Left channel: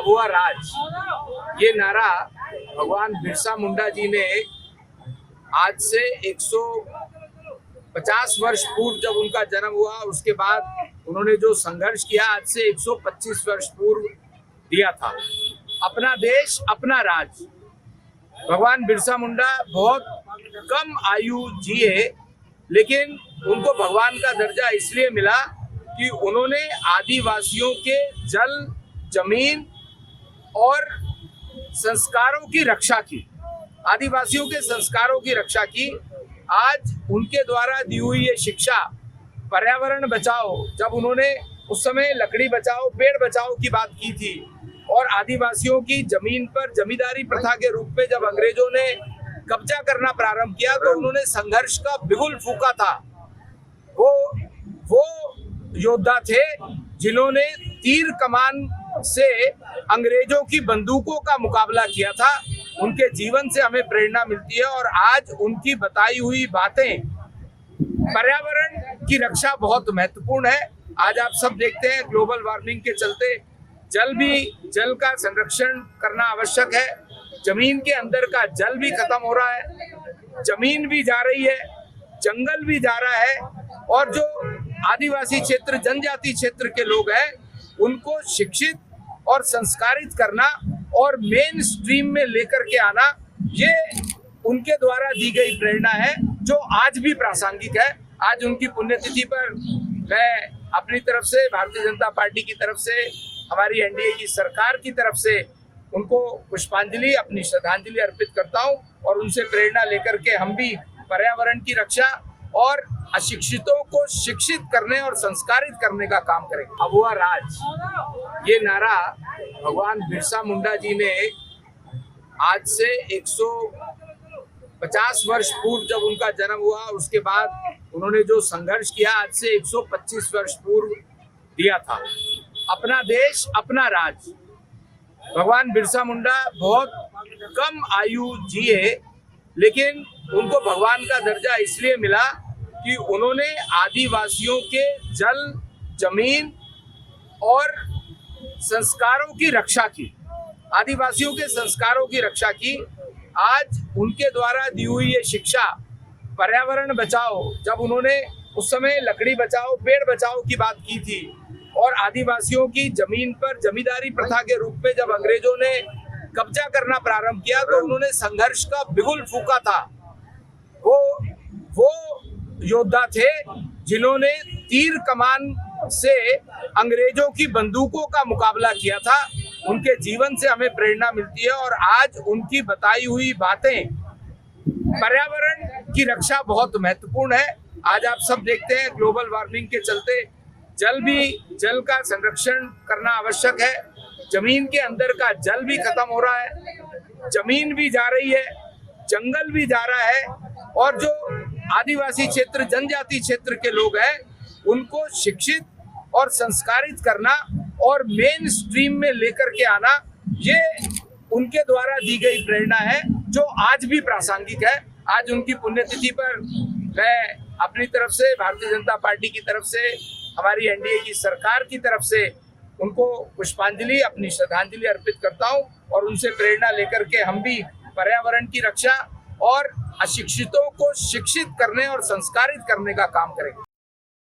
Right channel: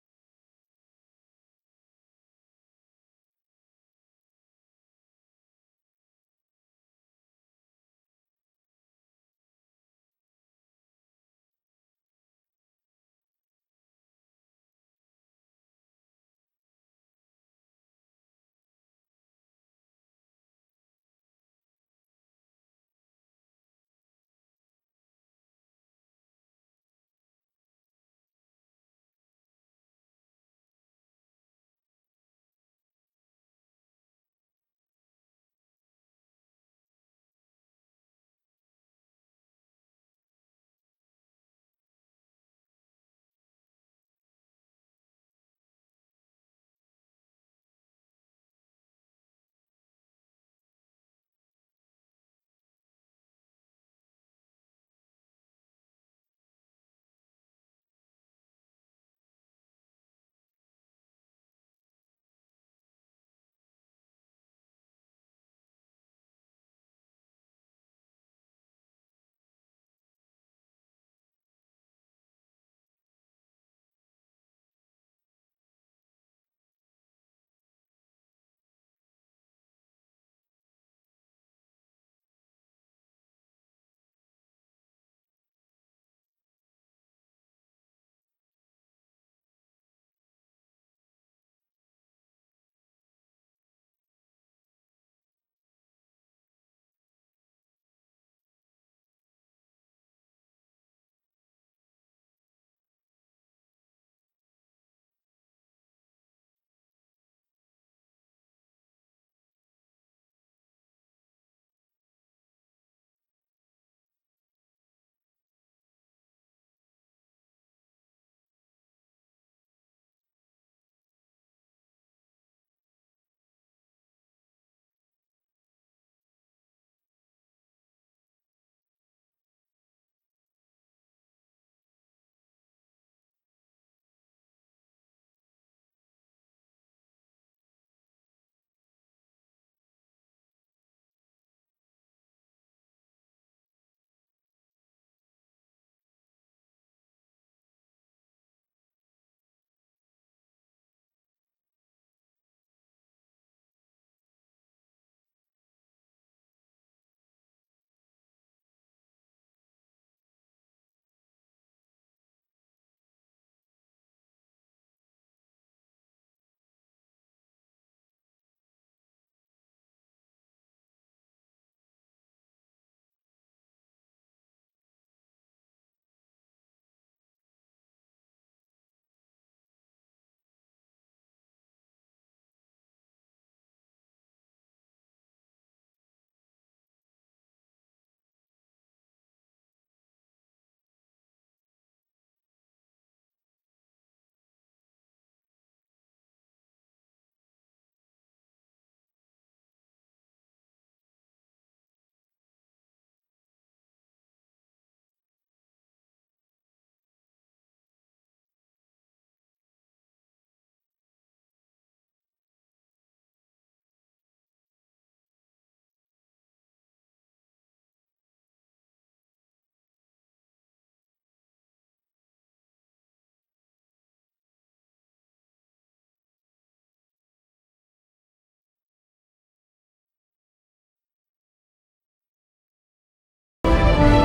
अब हुआ राज। ये नारा भगवान बिरसा मुंडा जी ने आज से 150 वर्ष पूर्व जब उनका जन्म हुआ, उसके बाद उन्होंने जो संघर्ष किया आज से 125 वर्ष पूर्व दिया था। अपना देश अपना राज। भगवान बिरसा मुंडा बहुत कम आयु जिए, लेकिन उनको भगवान का दर्जा इसलिए मिला कि उन्होंने आदिवासियों के जल, जमीन और संस्कारों की रक्षा की। आदिवासियों के संस्कारों की रक्षा की। आज उनके द्वारा दी हुई ये शिक्षा, पर्यावरण बचाओ, जब उन्होंने उस समय लकड़ी बचाओ, पेड़ बचाओ की बात की थी, और आदिवासियों की जमीन पर जमींदारी प्रथा के रूप में जब अंग्रेजों ने कब्जा करना प्रारंभ किया तो उन्होंने संघर्ष का बिगुल फूंका था। वो योद्धा थे जिन्होंने तीर कमान से अंग्रेजों की बंदूकों का मुकाबला किया था। उनके जीवन से हमें प्रेरणा मिलती है और आज उनकी बताई हुई बातें, पर्यावरण की रक्षा बहुत महत्वपूर्ण है। आज आप सब देखते हैं ग्लोबल वार्मिंग के चलते जल का संरक्षण करना आवश्यक है। जमीन के अंदर का जल भी खत्म हो रहा है, जमीन भी जा रही है, जंगल भी जा रहा है, और जो आदिवासी क्षेत्र, जनजाति क्षेत्र के लोग हैं, उनको शिक्षित और संस्कारित करना और मेन स्ट्रीम में लेकर के आना, ये उनके द्वारा दी गई प्रेरणा है जो आज भी प्रासंगिक है। आज उनकी पुण्यतिथि पर मैं अपनी तरफ से, भारतीय जनता पार्टी की तरफ से, हमारी एनडीए की सरकार की तरफ से उनको पुष्पांजलि, अपनी श्रद्धांजलि अर्पित करता हूं और उनसे प्रेरणा लेकर के हम भी पर्यावरण की रक्षा और अशिक्षितों को शिक्षित करने और संस्कारित करने का काम करेंगे। अब हुआ राज। ये नारा भगवान बिरसा मुंडा जी ने आज से 150 वर्ष पूर्व जब उनका जन्म हुआ, उसके बाद उन्होंने जो संघर्ष किया आज से 125 वर्ष पूर्व दिया था। अपना देश अपना राज। भगवान बिरसा मुंडा बहुत कम आयु जिए, लेकिन उनको भगवान का दर्जा इसलिए मिला कि उन्होंने आदिवासियों के जल, जमीन और संस्कारों की रक्षा की। आदिवासियों के संस्कारों की रक्षा की। आज उनके द्वारा दी हुई ये शिक्षा, पर्यावरण बचाओ, जब उन्होंने उस समय लकड़ी बचाओ, पेड़ बचाओ की बात की थी, और आदिवासियों की जमीन पर जमींदारी प्रथा के रूप में जब अंग्रेजों ने कब्जा करना प्रारंभ किया तो उन्होंने संघर्ष का बिगुल फूंका था। वो योद्धा थे जिन्होंने तीर कमान से अंग्रेजों की बंदूकों का मुकाबला किया था। उनके जीवन से हमें प्रेरणा मिलती है और आज उनकी बताई हुई बातें, पर्यावरण की रक्षा बहुत महत्वपूर्ण है। आज आप सब देखते हैं ग्लोबल वार्मिंग के चलते जल का संरक्षण करना आवश्यक है। जमीन के अंदर का जल भी खत्म हो रहा है, जमीन भी जा रही है, जंगल भी जा रहा है, और जो आदिवासी क्षेत्र, जनजाति क्षेत्र के लोग हैं, उनको शिक्षित और संस्कारित करना और मेन स्ट्रीम में लेकर के आना, ये उनके द्वारा दी गई प्रेरणा है जो आज भी प्रासंगिक है। आज उनकी पुण्यतिथि पर मैं अपनी तरफ से, भारतीय जनता पार्टी की तरफ से, हमारी एनडीए की सरकार की तरफ से उनको पुष्पांजलि, अपनी श्रद्धांजलि अर्पित करता हूं और उनसे प्रेरणा लेकर के हम भी पर्यावरण की रक्षा और अशिक्षितों को शिक्षित करने और संस्कारित करने का काम करेंगे।